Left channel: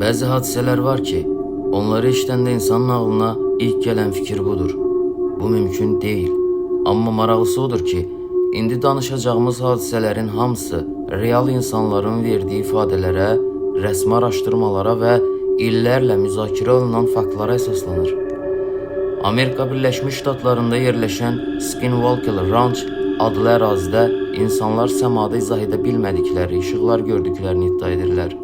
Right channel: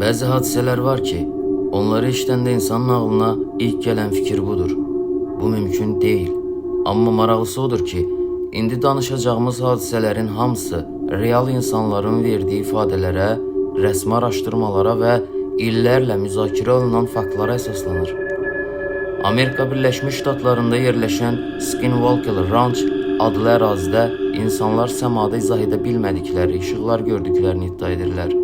Bəzi hadisələr var ki, onları işləndə insanın ağlına ilk gələn fikir budur. Bu mümkün deyil. Amma maraqlısı odur ki, indi danışacağımız hadisələrin hamısı real insanların verdiği ifadələrə, rəsmi araşdırmalara və illərlə müzakirə olunan faktlara əsaslanır. Amerika Birləşmiş Ştatlarında yerləşən Skinwalker Ranch adlı ərazidə insanlar səmada izah edə bilmədikləri işıqlar gördüklərini iddia edirlər.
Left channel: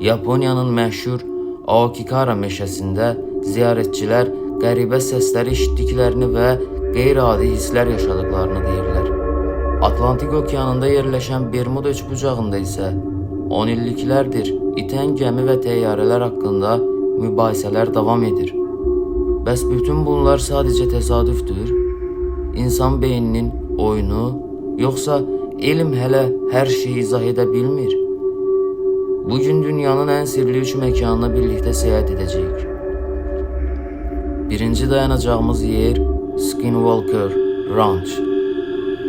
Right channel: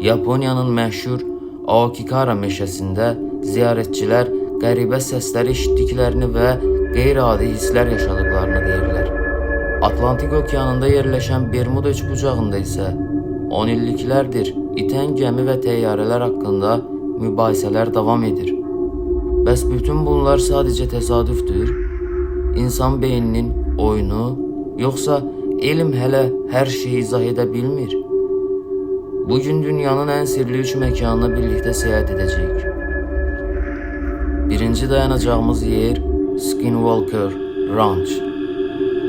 Yaponiyanın məşhur Aokigahara meşəsində ziyarətçilər qəribə səslər eşitdiklərini və qeyri-adi hisslər yaşadıklarını deyirlər. Atlantik okeanında yerləşən Bermuda üçbucağında isə 10 illiklərdir itən gəmi və təyyarələr haqqında mübahisələr davam edir. Bəs bütün bunlar sadəcə təsadüfdür? İnsan beyninin oyunu, yoxsa elm hələ hər şeyi izah edə bilmir? Bugün dünyanın ən sirli 3 məkanına birlikdə səyahət edəcəyik. Birinci dayanacağımız yer Skinwalker Ranch.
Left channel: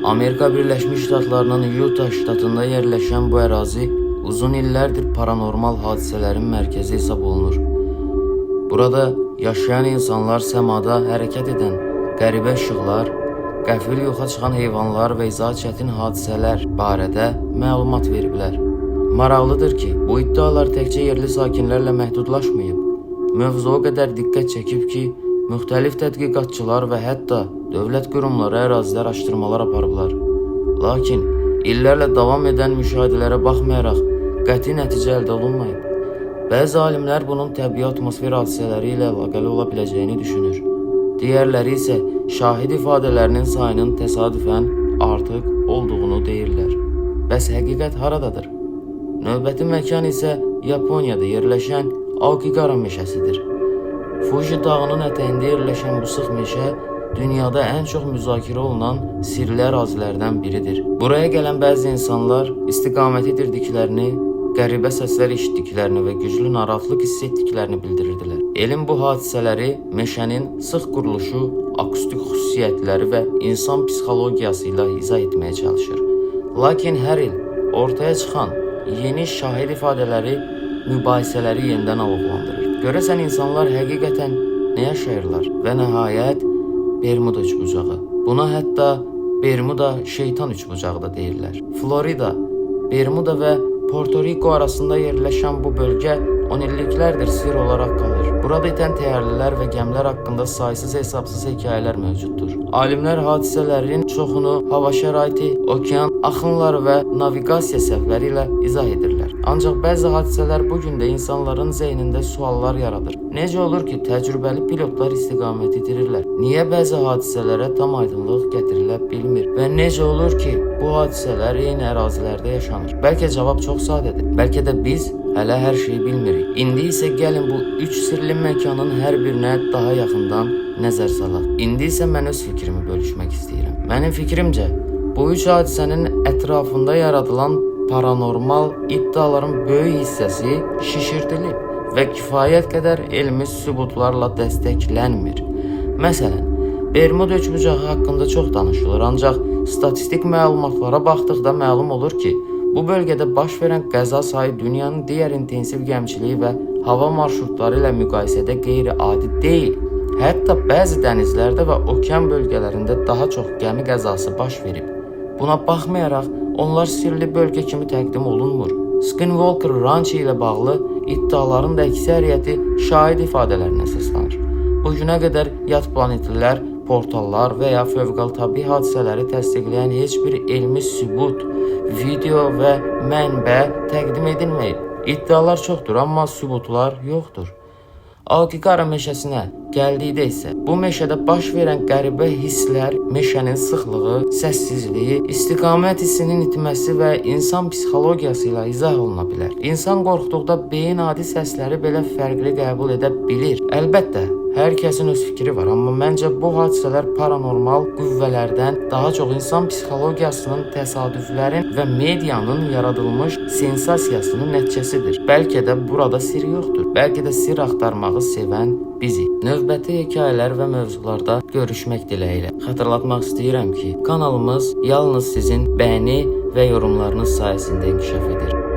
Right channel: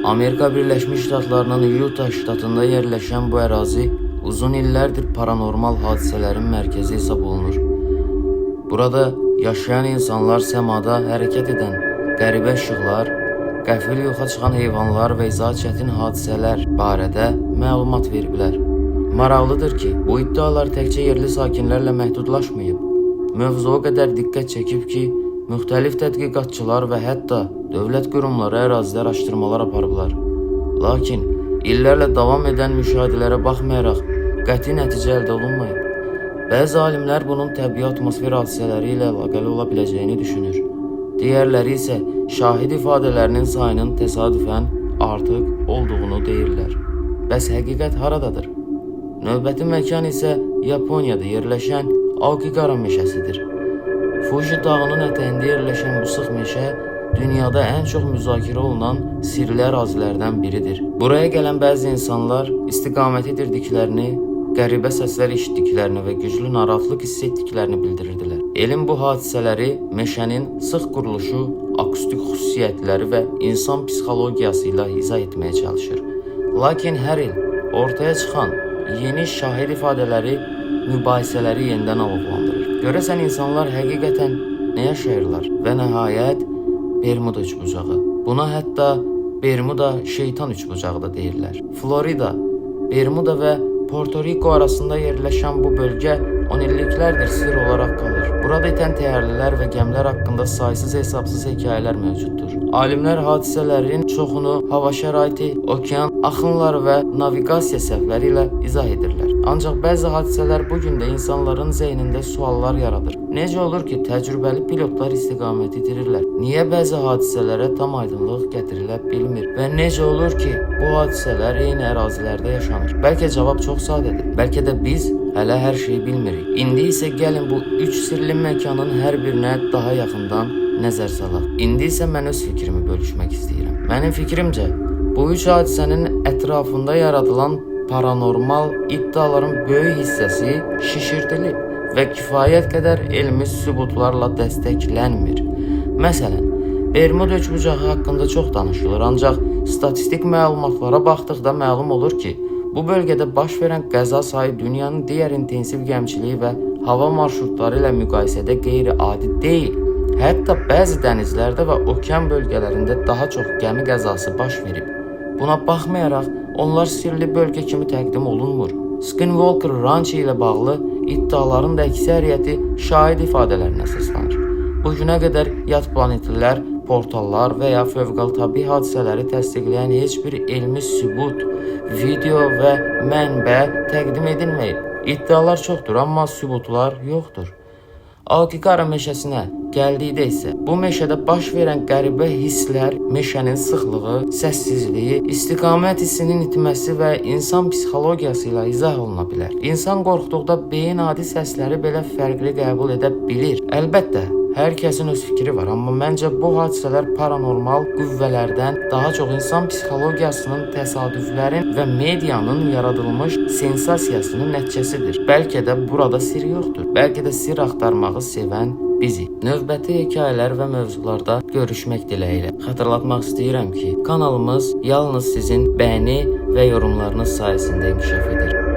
Amerika Birləşmiş Ştatlarının Utah ştatında yerləşən bu ərazi uzun illərdir paranormal hadisələrin mərkəzi hesab olunur. Burada yaşayan insanlar səmada hərəkət edən qəribə işıqlar, qəfil yoxa çıxan heyvanlar və izah çətin hadisələr barədə məlumat veriblər. Maraqlıdır ki, bu iddialar təkcə yerli sakinlərlə məhdudlaşmayıb. Mövzu o qədər diqqət çəkib ki, müxtəlif tədqiqatçılar və hətta dövlət qurumları ərazilər araşdırmalar aparıblar. Lakin illərlə davam edən müşahidələrə baxmayaraq qəti nəticə əldə olunmayıb. Bəzi alimlər bunun təbii atmosfer hadisələri ilə əlaqəli ola biləcəyini düşünür. Digərləri isə şahid ifadələrinin sayının təsadüfən artıq olduğunu deyirlər. Bəs həqiqət haradadır? Növbəti məkan isə Yaponiyada yerləşən Aokigahara meşəsidir. Fuji dağının ətəyində yerləşən bu sıx meşə dünyada ən çox müzakirə olunan sirli ərazilərdən biridir. Buraya gələn bəzi insanlar istiqamət edirdiklərini, qəribə səslər eşitdiklərini və güclü narahatlıq hiss etdiklərini bildirirdilər. Elm bu hadisələri meşənin sıx quruluşu, akustik xüsusiyyətləri və insan psixologiyası ilə izah etməyə çalışır. Lakin hər il ortaya çıxan yeni şahid ifadələri mübahisələri yenidən alovlandırır. Görəsən insanlar həqiqətən nə yaşayırlar? Və nəhayət Bermuda üçbucağı. Buna hətta Bermuda şeytan üçbucağı da deyirlər. Florida, Bermuda və Porto Rico arasında yerləşən bu bölgə 10 illiklərdir sir olaraq qalır. Burada itən təyyarələr və gəmilər haqqında saysız hesabsız hekayələr mövcuddur. Alimlər hadisələrin çoxunu hava şəraiti, okean axınları və naviqasiya səhvləri ilə izah edirlər. Ancaq bəzi hadisələr bugün də insanların zeynində suallar yaradır. Necə olur ki, təcrübəli pilotlar istiqamət itirirlər? Niyə bəzi hadisələrə tam aydınlıq gətirilə bilmir? Və necə olur ki, bu hadisələr eyni ərazilərdə yaşanır? Bəlkə cavab çox sadədir. Bəlkə də biz hələ hər şeyi bilmirik. İndi isə gəlin bu 3 sirli məkanın hər birinə daha yaxından nəzər salaq. İndi isə mən öz fikrimi bölüşmək istəyirəm. Mənim fikrimcə, bu 3 hadisənin ətrafında yaradılan paranormal iddiaların böyük hissəsi şişirdilib və kifayət qədər elmi sübutlarla dəstəklənmir. Məsələn, Bermuda üçbucağı haqqında çox danışılır, ancaq statistik məlumatlara baxdıqda məlum olur ki, bu bölgədə baş verən qəza sayı dünyanın digər intensiv gəmiçiliyi və hava marşrutları ilə müqayisədə qeyri-adi deyil. Hətta bəzi dənizlərdə və okean bölgələrində daha çox gəmi qəzası baş verib. Buna baxmayaraq, onlar sirli bölgə kimi təqdim olunmur. Skinwalker Ranch ilə bağlı iddiaların da əksəriyyəti şahid ifadələrinə əsaslanır. Bugünə qədər yad planetlilər, portallar və ya fövqəladə hadisələri təsdiqləyən heç bir elmi sübut, video və mənbə təqdim edilməyib. İddialar çoxdur, amma sübutlar yoxdur. Aokigahara meşəsinə gəldikdə isə bu meşədə baş verən qəribə hisslər, meşənin sıxlığı, səssizliyi, istiqamət hissinin itməsi və insan psixologiyası ilə izah oluna bilər. İnsan qorxduqda beyin adi səsləri belə fərqli qəbul edə bilir. Əlbəttə, hər kəsin öz fikri var, amma məncə bu hadisələr paranormal qüvvələrdən daha çox insan psixologiyasının, təsadüflərin və medianın yaradılmış sensasiyasının nəticəsidir. Bəlkə də burada sir yoxdur. Bəlkə də sir axtarmağı sevən bizik. Növbəti hekayələr və mövzularda görüşmək diləyilə. Xatırlatmaq istəyirəm ki, kanalımız yalnız sizin bəyəni və yorumlarınız sayəsində inkişaf edir.